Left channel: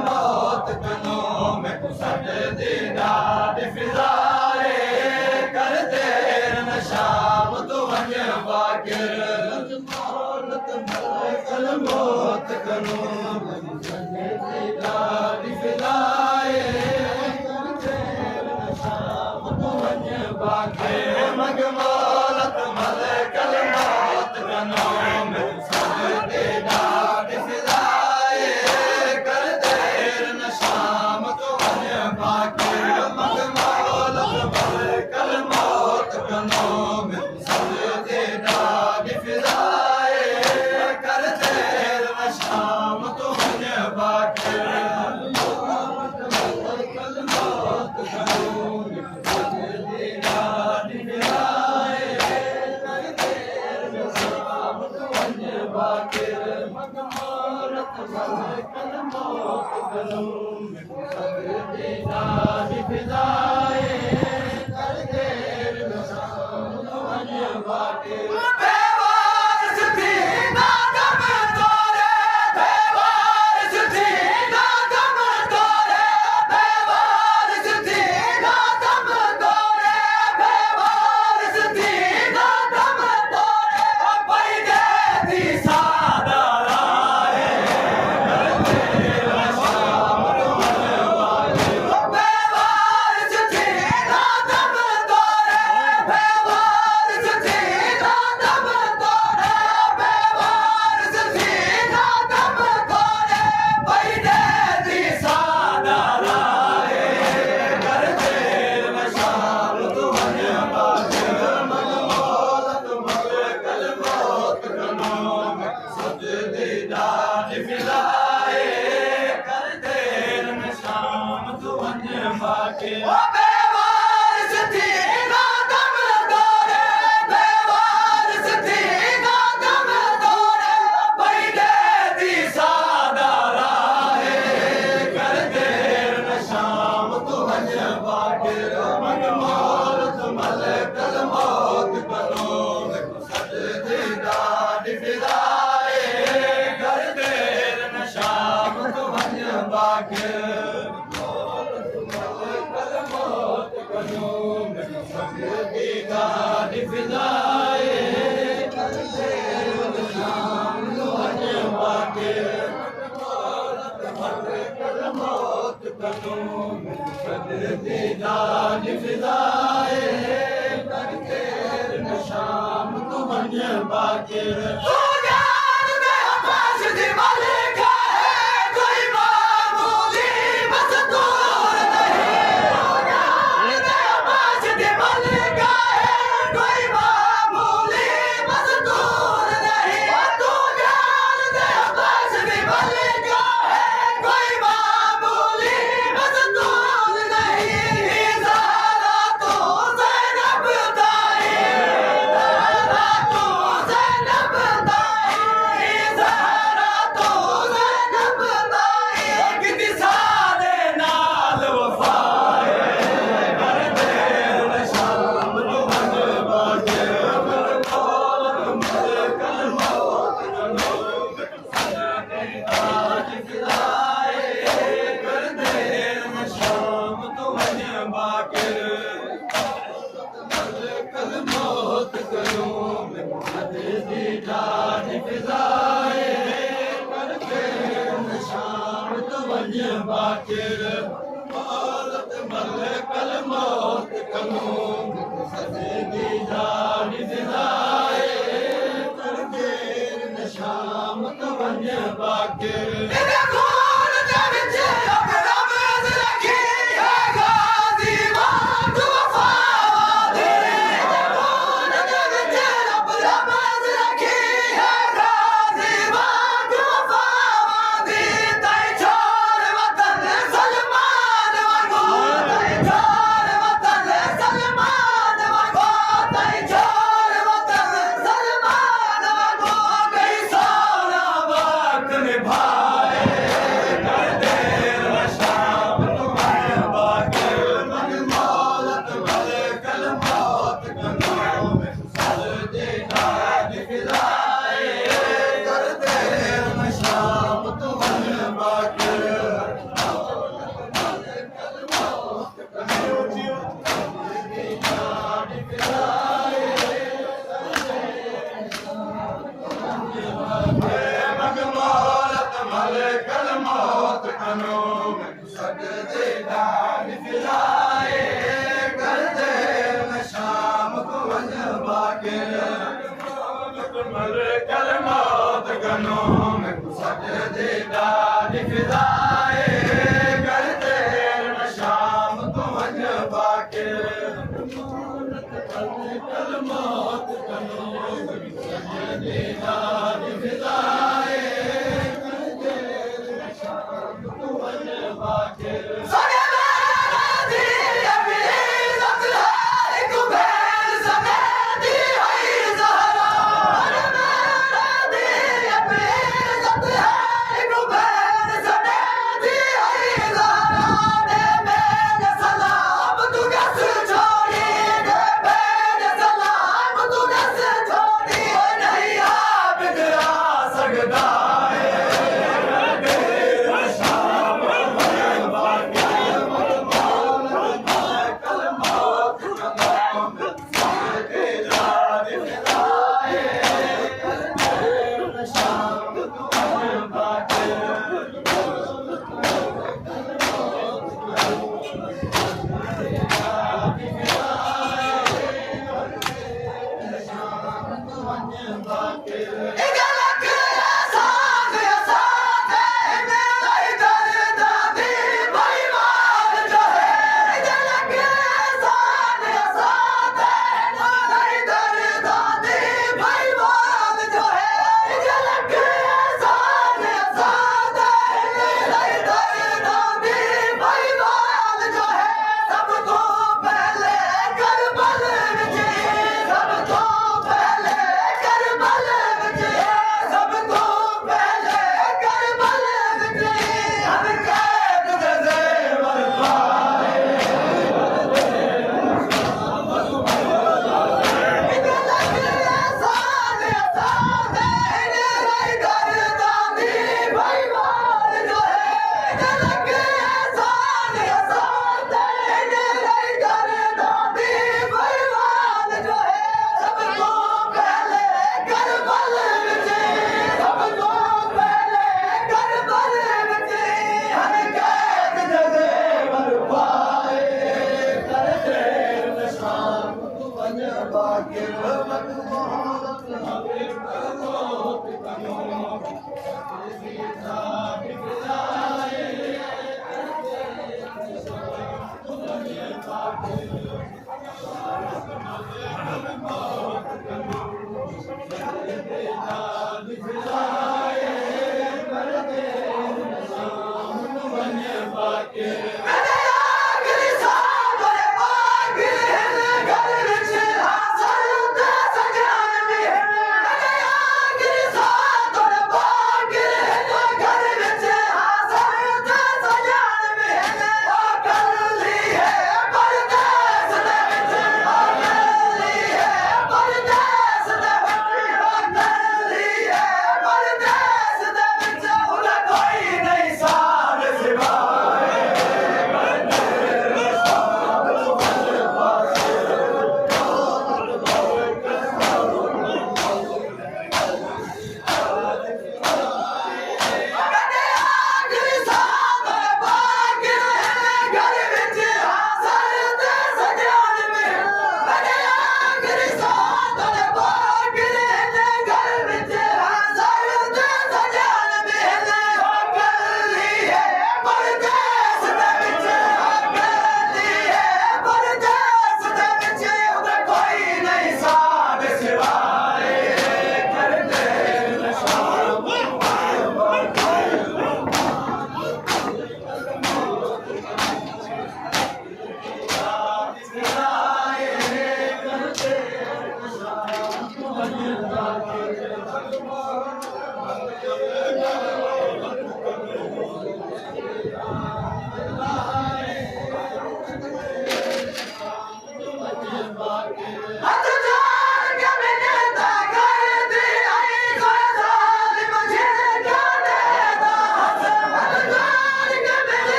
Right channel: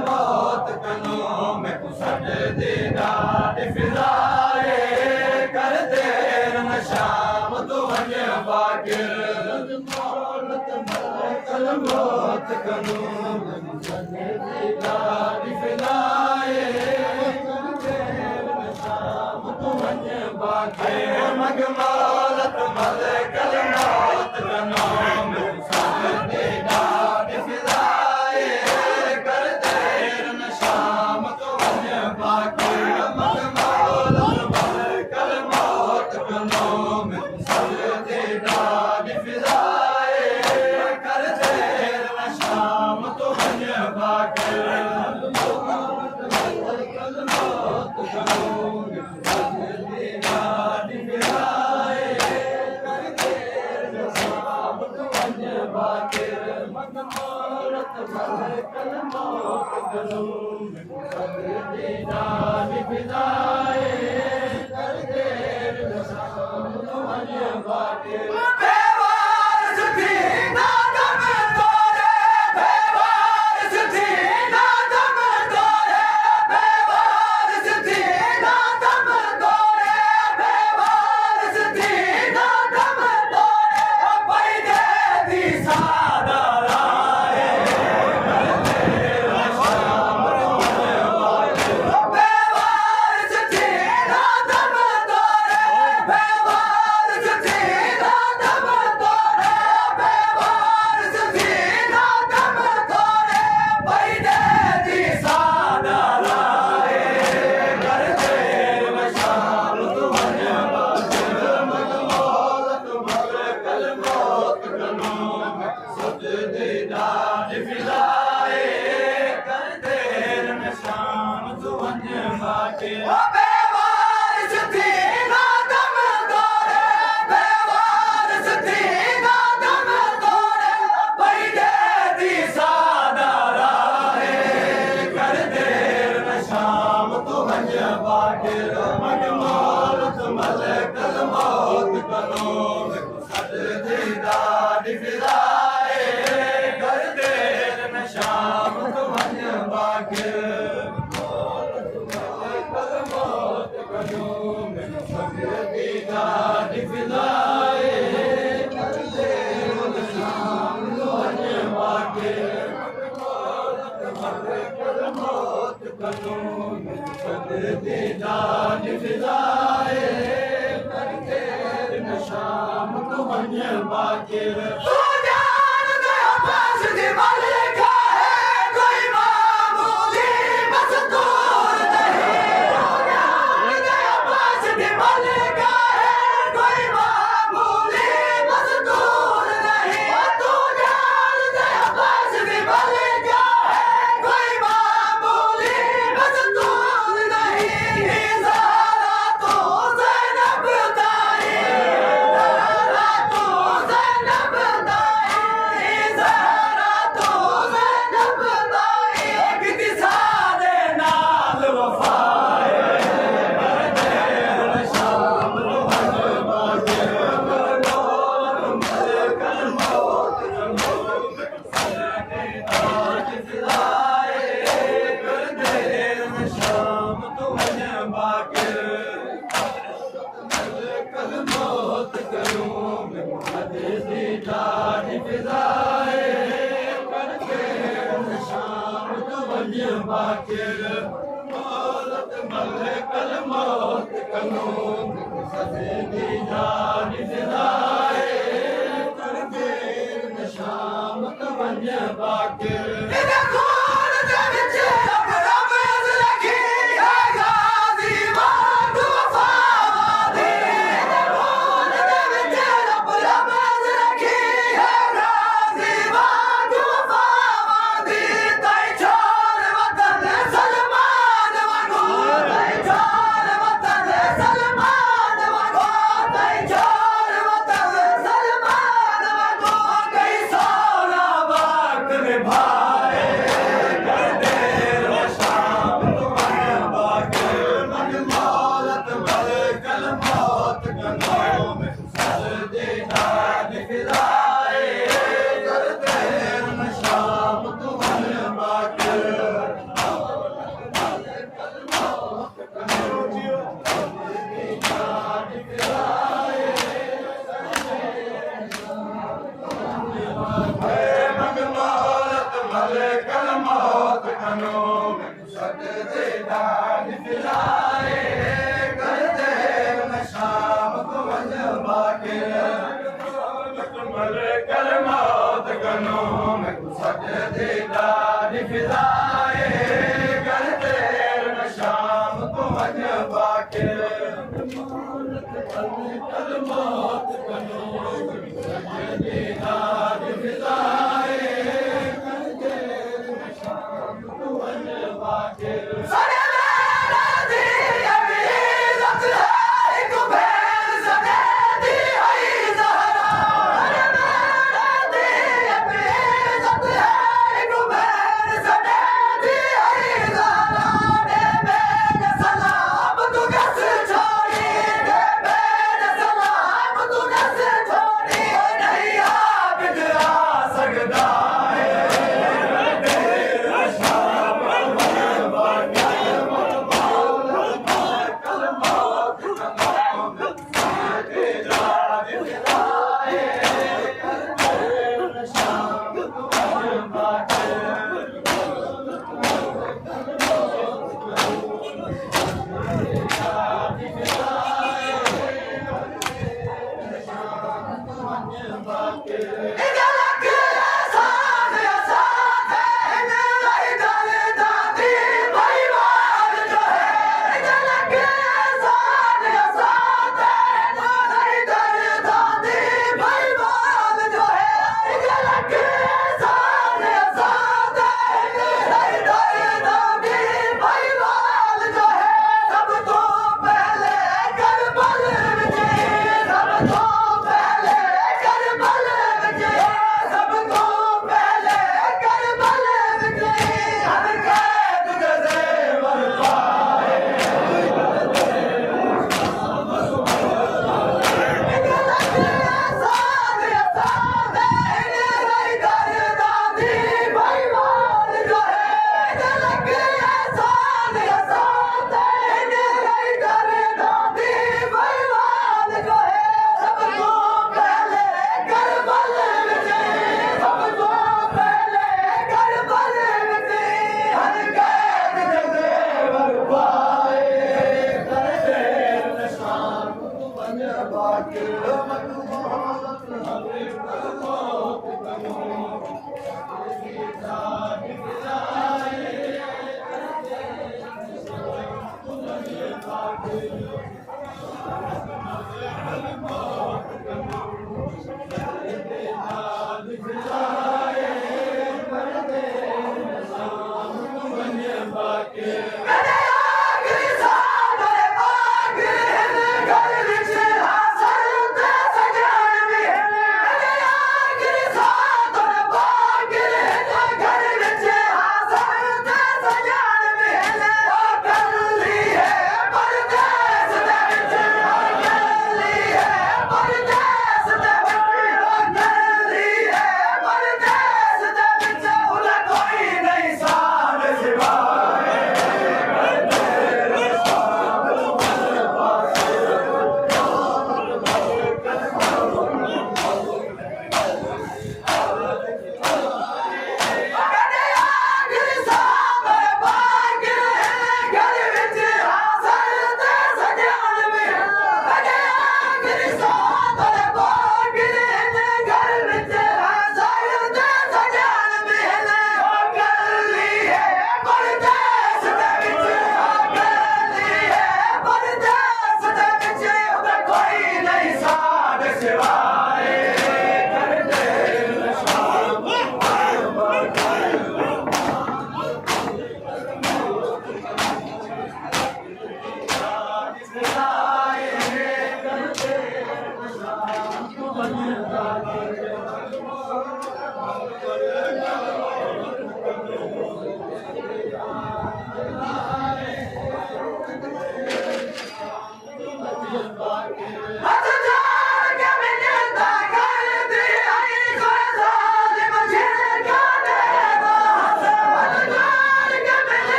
मौत कनो में कुसद दीदा फिजाए शाम तो वञ बाकिर मौलत मलकल मौत कनो ॾाढी फिदाए शाम तो वञ बाकिर मग मौलत मलकल मौत कनो ॾाढी फिदाए कर देर न शाम तो वञ बाकिर मग मौलत मलकल मौत कनो ॾाढी फिदाए कर देर न शाम तो वञ बाकिर मलकल मौत कनो ॾाढी फिदाए कर देर न शाम तो वञ बाकिर मग मौलत मलकल मौत कनो ॾाढी फिदाए कर देर न शाम तो वञ बाकिर बेवारस थी ना दम तोरे बेवारस थी ना दम तोरे बेवारस थी ना दम तोरे बेवारस थी ना दम तोरे पई दे थी सादा राहे बेवारस थी ना दम तोरे बेवारस थी ना दम तोरे बेवारस थी ना दम तोरे पई दे थी सादा राहे कर देर न शाम तो वञ बाकिर मग मौलत मलकल मौत कनो सजदे ॾाढी फिदाए कर देर न शाम तो वञ बाकिर बेवारस थी ना दम तोरे बेवारस थी ना दम तोरे पई दे थी सादा राहे कर देर न शाम तो वञ बाकिर मग मौलत मलकल मौत कनो सजदे ॾाढी फिदाए कर देर न शाम तो वञ बाकिर मौलत मलकल मौत कनो सजदे ॾाढी फिदाए कर देर न शाम तो वञ बाकिर मौलत मलकल मौत कनो सजदे ॾाढी फिदाए कर देर न शाम तो वञ बाकिर बाकिर मौलत मलकल मौत कनो सजदे ॾाढी फिदाए कर देर न शाम तो वञ बाकिर भाई फिदाए करते शाम तो वज बाके कल मौत कनो दीनार फिदाए करते शाम तो वज बाके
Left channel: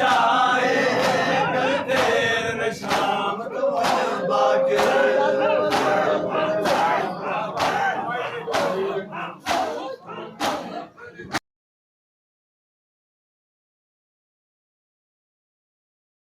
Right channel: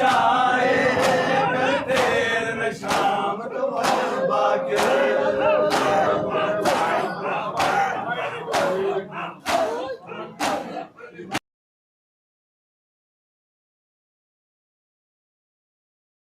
cha